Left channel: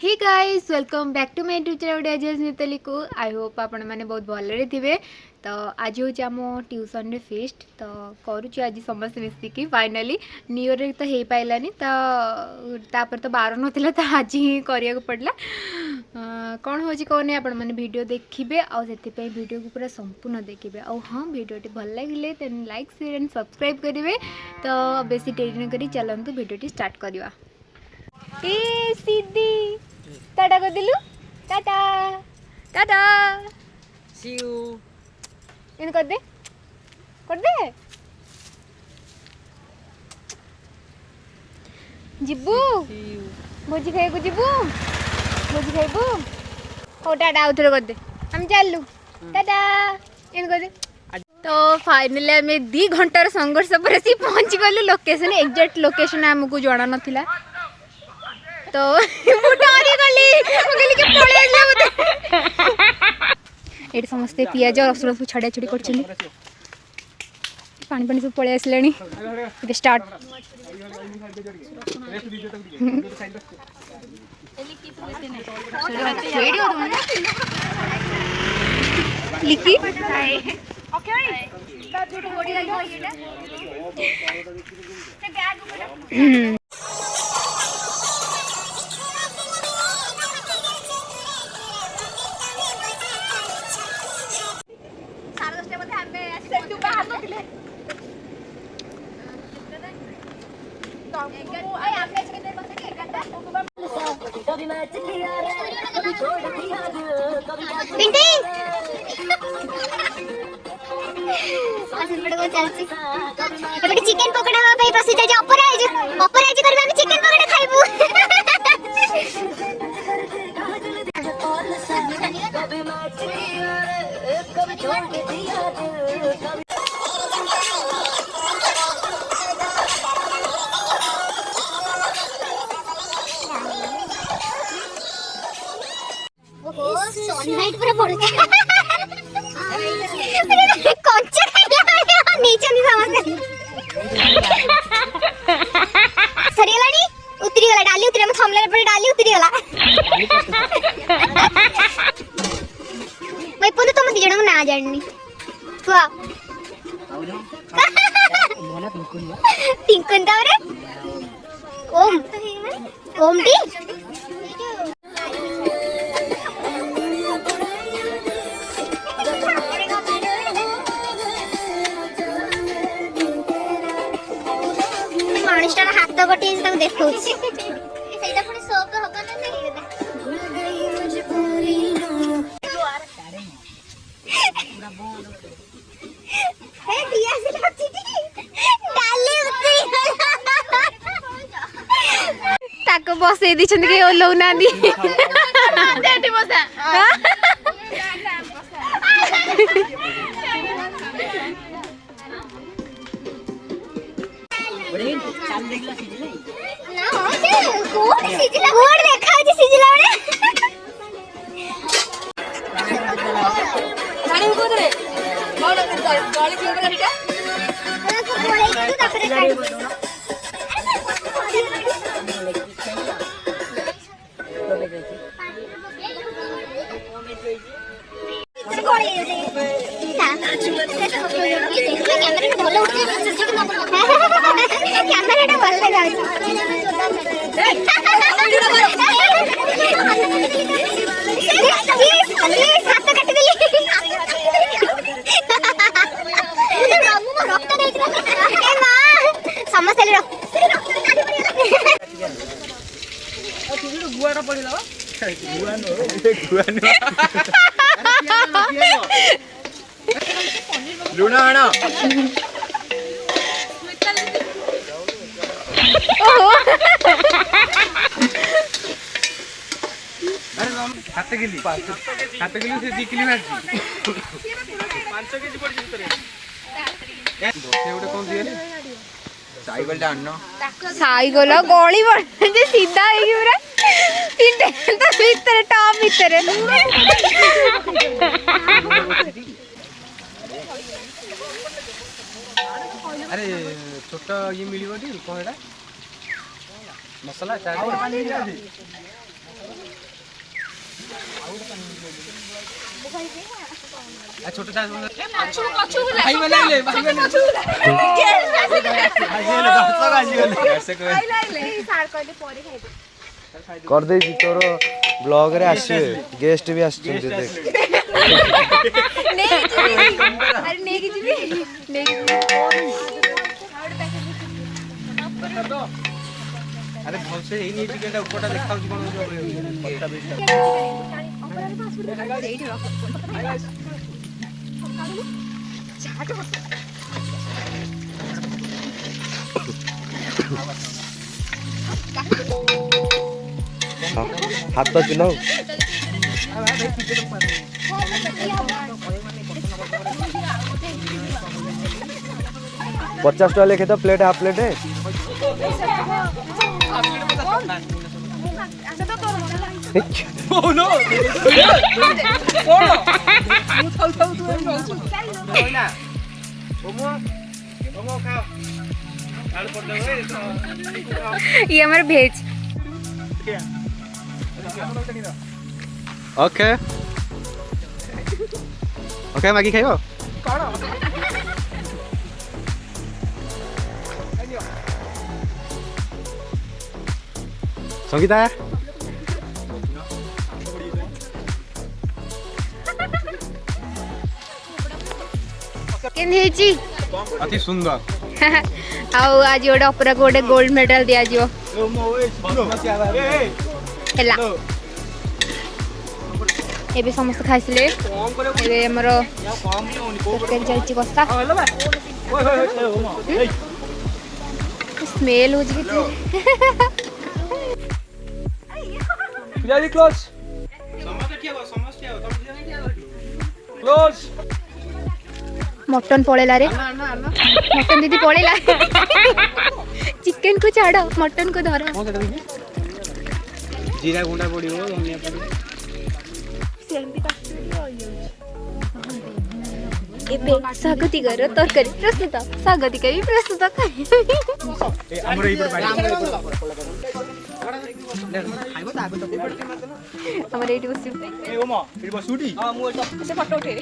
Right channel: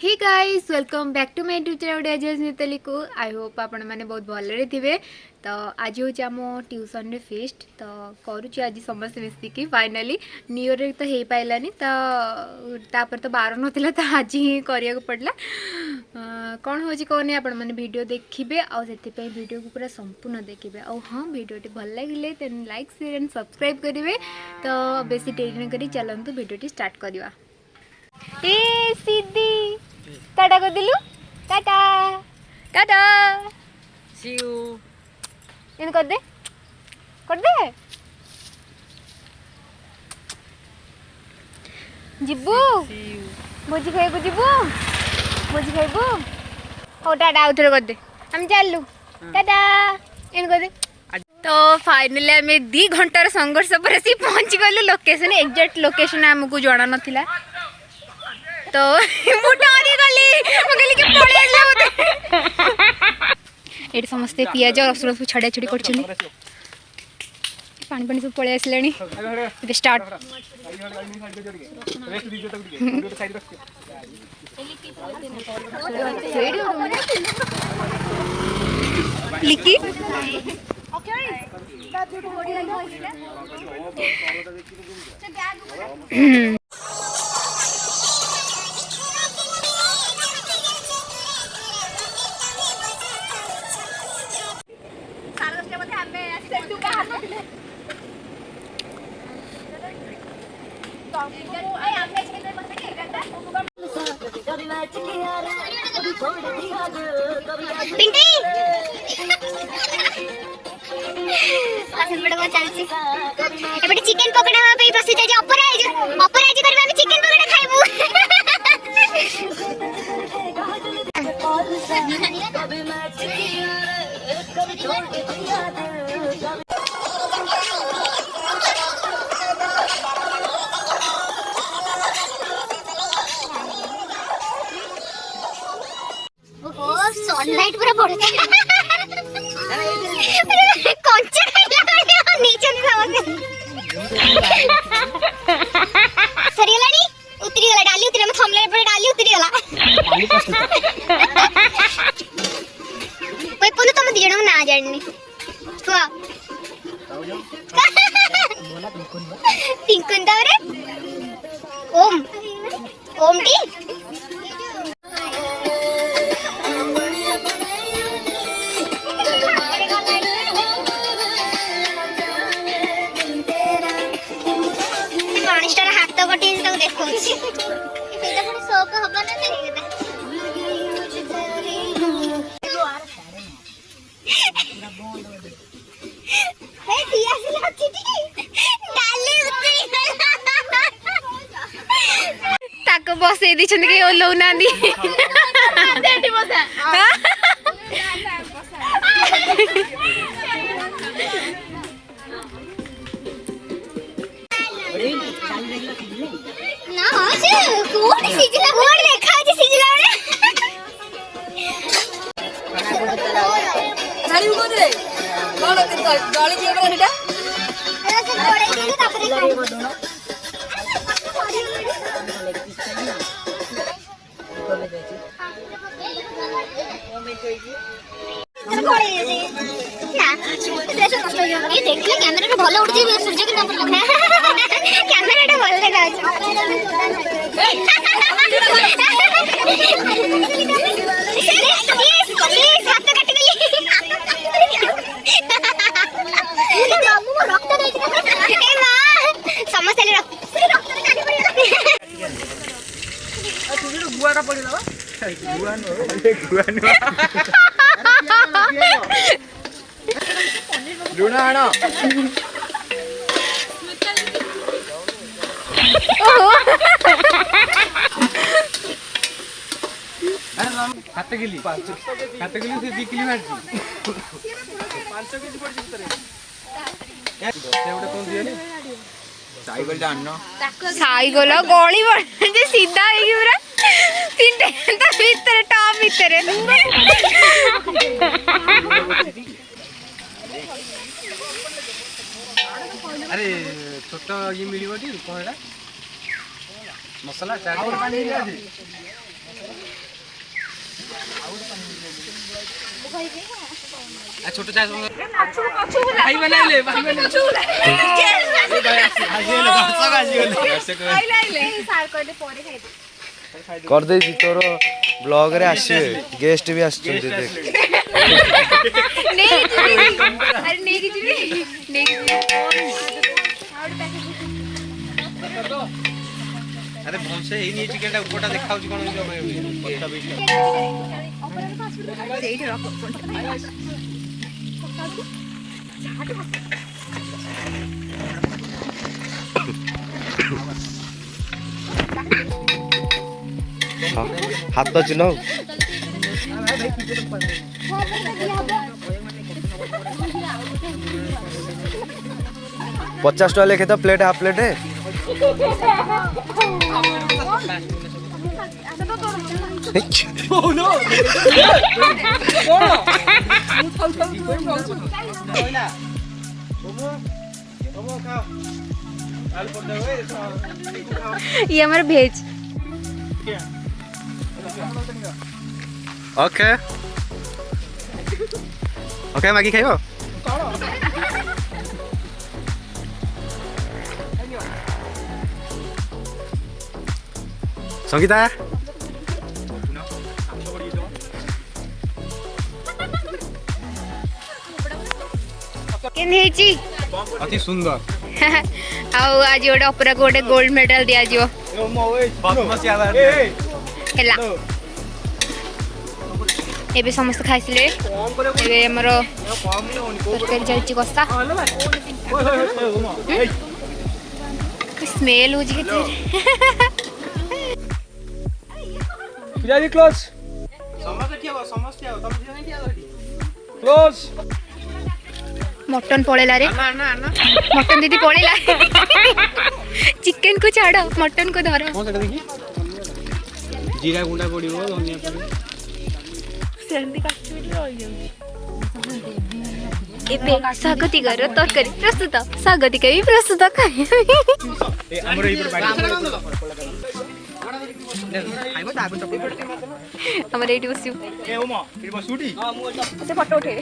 Hey guys welcome back to my YouTube channel Ajay Mitali को I hope आपण मैंने बहुत भलरे थे। तो आज हूँ आम ट्यूशन रे फेस्ट तो करुच्ची आज समस्त मिसिकी फाइनाली न्यू ईयर तो हो पारानी तापर तो बार नाला तो आज ही करिया पड़ला। कौन हो कौन आपण मैंने वीडियो देखिए आते वीडियो को पूरा संपूर्ण देखिए हाँ वीडियो भल लगे then like share and subscribe करेंगे। तो बेसी डेरी न करी चलतु वीडियो स्टार्ट करवा। ए सीधी टाटा कर दिलु टाटा टाटा सी यू इन कर दे जिबू भोजी खाइबू जिबू भोजी खाइबू हो टाटा आउ थे कर दे हम चलू टाटा इन कर दे। तो फाइनली आम 2 घंटार संघर्ष पर सी पहुँची गलु लोकेशन एक्जाक्ट लोकेशन आमको जना नाथिला। तो मु डरी गली के पळे आइला एठी समस्ते पियाज रसुन सब छड़ा छड़ी करछनी पानी पानी सब पळे आसलानी ओके स्टार्ट। लिकी ओके ता जोडी बॉडी लगा चिकेन पकड़ा प्रसिद्ध है अपराज करबा चिकेन पकड़ा खाइबो। ओ सनलाइट पूरा पड़े कंचा नीचे नहीं आवाज सरियलाडी उतरी गला डाली उतरी हम थमले पर डाली उतरी गला भाई पुनो तुम दिजण ना जाणनी छुआ पिंकन दारे ओम ओम डी हाथ गोटे देखा शौक हम बसई दी ओल्लौ ना कैमरा भल उठी सूर्य कि कैमरा भल लुना आना हाथ गिली से 2 किलो मारजी 5 केजी पड़ करे कोन दिए साइकिल डानो साइकिल गली बन सीधा है पूरा तीनटे तो भीतर टॉप भीतर अरे छोटा ये मिली बोली कौन है मसाला चाय और पानी दिया जी छोटे साइज भाई बनाइले भाई कर दे तोर ब्लॉग रे आसे गेस्ट भी आछन देख अरे नहीं की नहीं अरे भौसे ही नहीं चिकन टा ऊपरटा देखाउ छी कोन हाथ तो चुनाव 50 टका लेखे तो प्लेट हाफ प्लेट है ये हमारा भेज ओके ओके मैगी खाइबो संगीता केन हेची अति सुंदर आउ आज गोटे अपरा गोटे गोल्ड मेडल दिया जिवो हेला एबे समस्त खाइले एबे हमर तरकारी चलची कसा स्मेल हो जी पुजारी क्लोज समस्त ठिया तुम ठिया नहीं ठिया क्लोज मटन पड़ेला रे मटन दीदी पड़ेला चिकन को छाड़ मटन को धर जीरा गुंडा पड़ो धनिया पड़ो एबे स्वागतिकर तरकारी प्रस्तुत स्वागतिका भी प्रस्तुत हमरो ई पर हमर एटी बसियो ए ओमा फिर बसुटी से फोटो उठे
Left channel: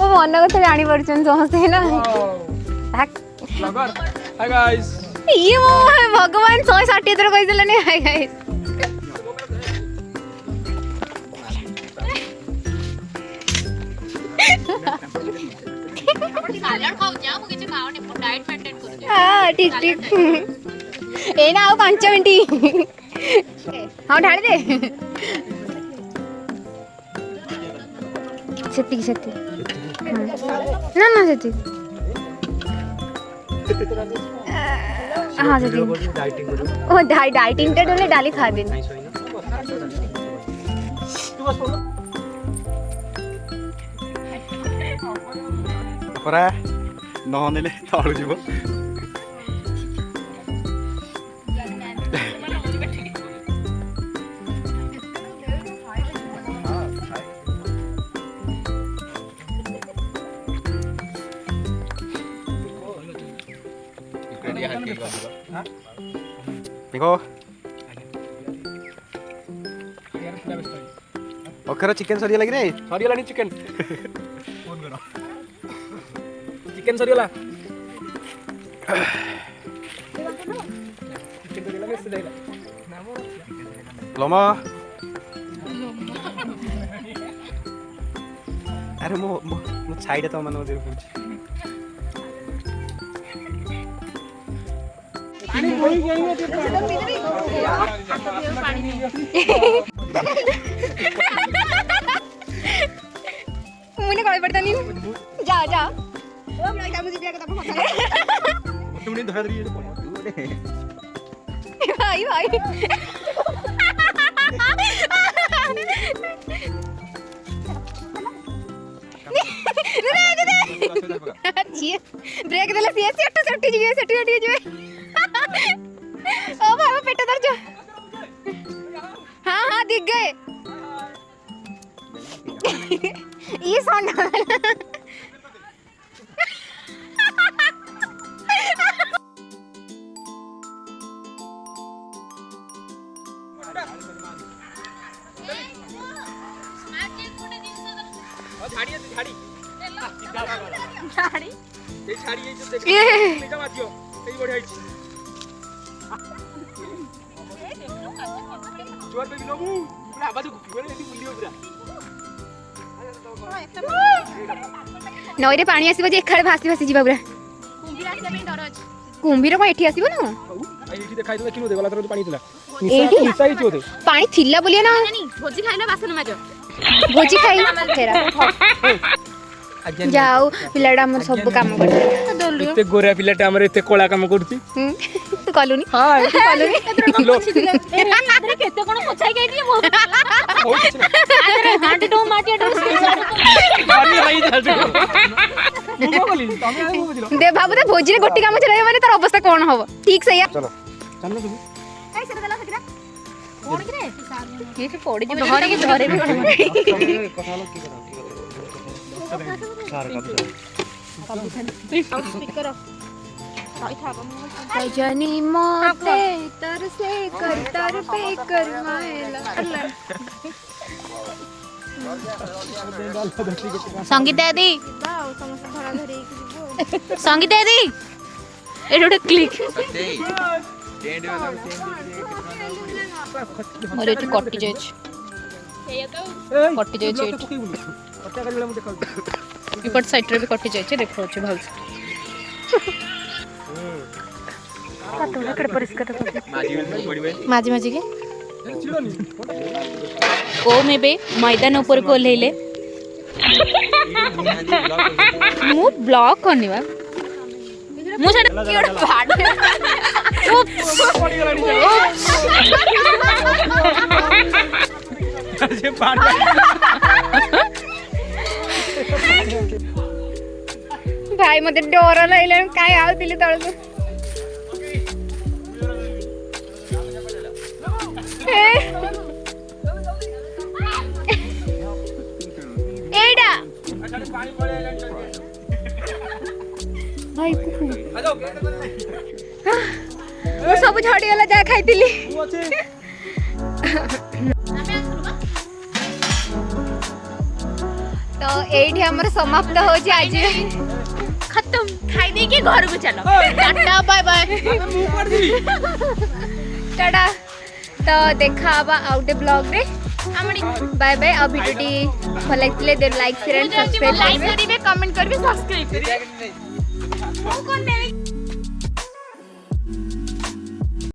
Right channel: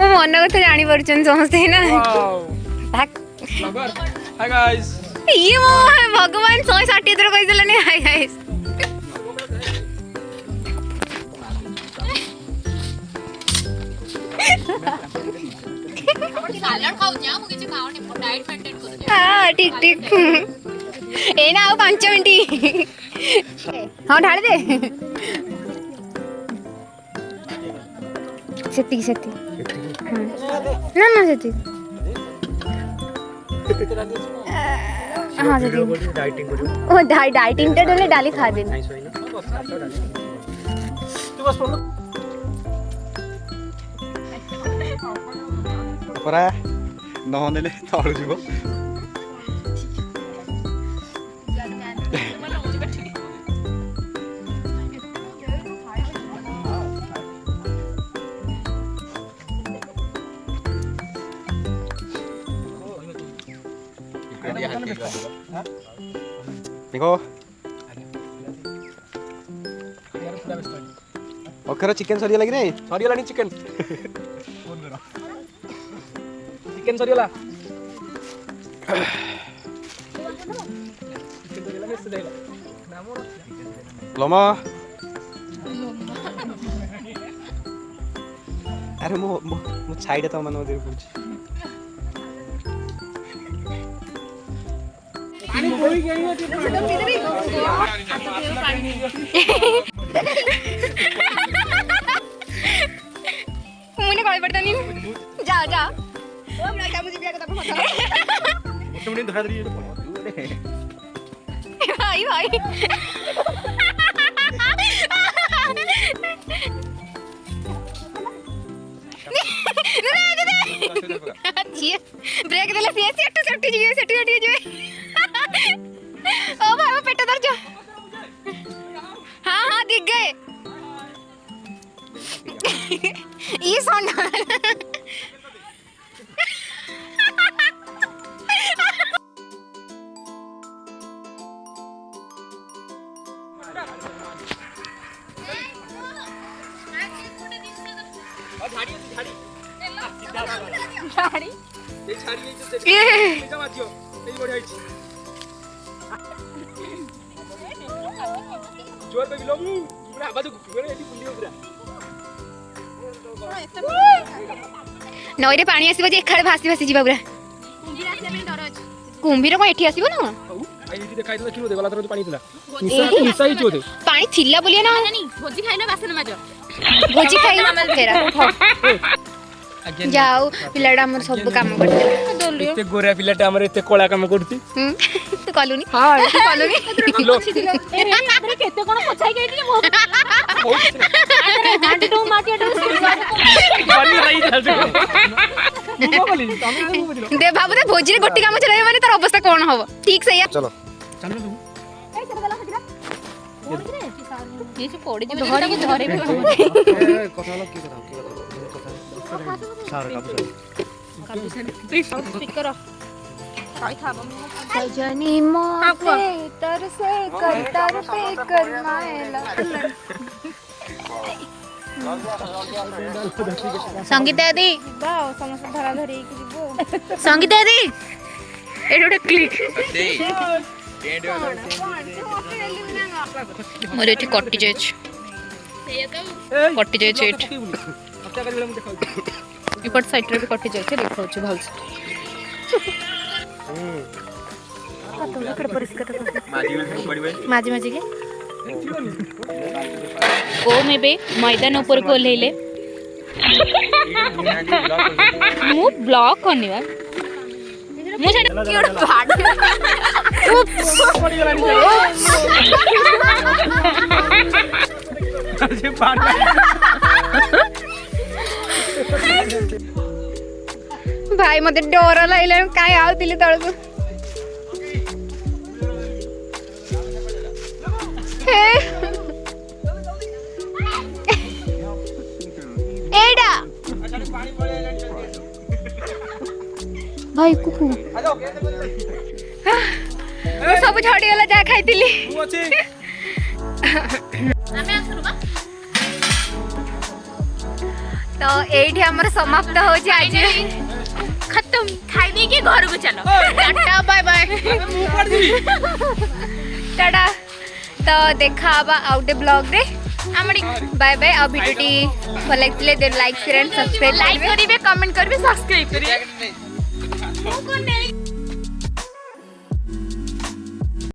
मो मन कथा जानी परछन समझते ना भाग हाय गाइस ये मो भगवान 160 थर कहि देलनी हाय गाइस सालाड खाऊ जा मु किछ खाओ ने डाइट मेंटेन करू हां ठीक ठीक ए ना 5 मिनिट हां ढाल दे सेती सेती ना ना सेती हां सेती डाइटिंग करियो ओ डाइटिंग टे डले डाली खा देनी परा नहनेले तळु जीव देखो ओखरा चिकन सरिया लगी रे सरिया लानी चिकन चिकन सरियाला लमा अरे मो छाइडे त मन मधे पुछ मुने कॉल पड़ता नहीं जा जा भाई भाई ब्रेक देले सी सेट सेट जी सेट जी ओ भाई पेट दर्द हां हां दिख गए ये सोना नईरे पानी आसो एखाड़े भासी भासी जा पूरा कुंभीर कौन एठी आसो ना पानी थिला बोलिए ना भोजी खाइला बासन माज भोजी खाई फेरा जाओ पिलाटा हमर सब काम करते एते गोरा पिलाटा हमर एते कोला काम करती तू कलुनी हां तू कलुनी अरे केते कोन पछाई गई दी मो अरे हांड डो माटिया डो दे बाबू ते भोजी ने गोटी काम चलाए माने तार अवस्था कोन हबो ठीक से चलो चलो तुम ए सेटा गला सकिरा कोन कि रे ये से पड़ी जे घरे के घरे स्पीकर सजनी मोते तरसे कर तर पे करना संगीता दी संगीता दी एटा गोटे क्लिक मोर एठी कटि जाय कटि जाय इपट साइड रे भी कटि जाय देखो छ भल काटोला कड़े परिष्कार कर माजी माजी के ओ मेबे मैदान ऊपर को लेले मु ब्लॉक करनी बा मु सेटा की ओड भाडी अरे पाड़ भाई मते डर लागले काई आउतिले तळको एडा भाई कुकु वो सब झड़ी वाला जा खाइतिली तो एठी हमर समाप्त हो जे आज खत्म खाई दे के घर को चलो टाटा बाय बाय टाटा तो देखा आबा आउटे ब्लॉग रे बाय बाय आ भिडियोटी भल लागथिले दे लाइक शेयर एंड सब्सक्राइब करिवे कमेंट करिवे सब्सक्राइब करिवे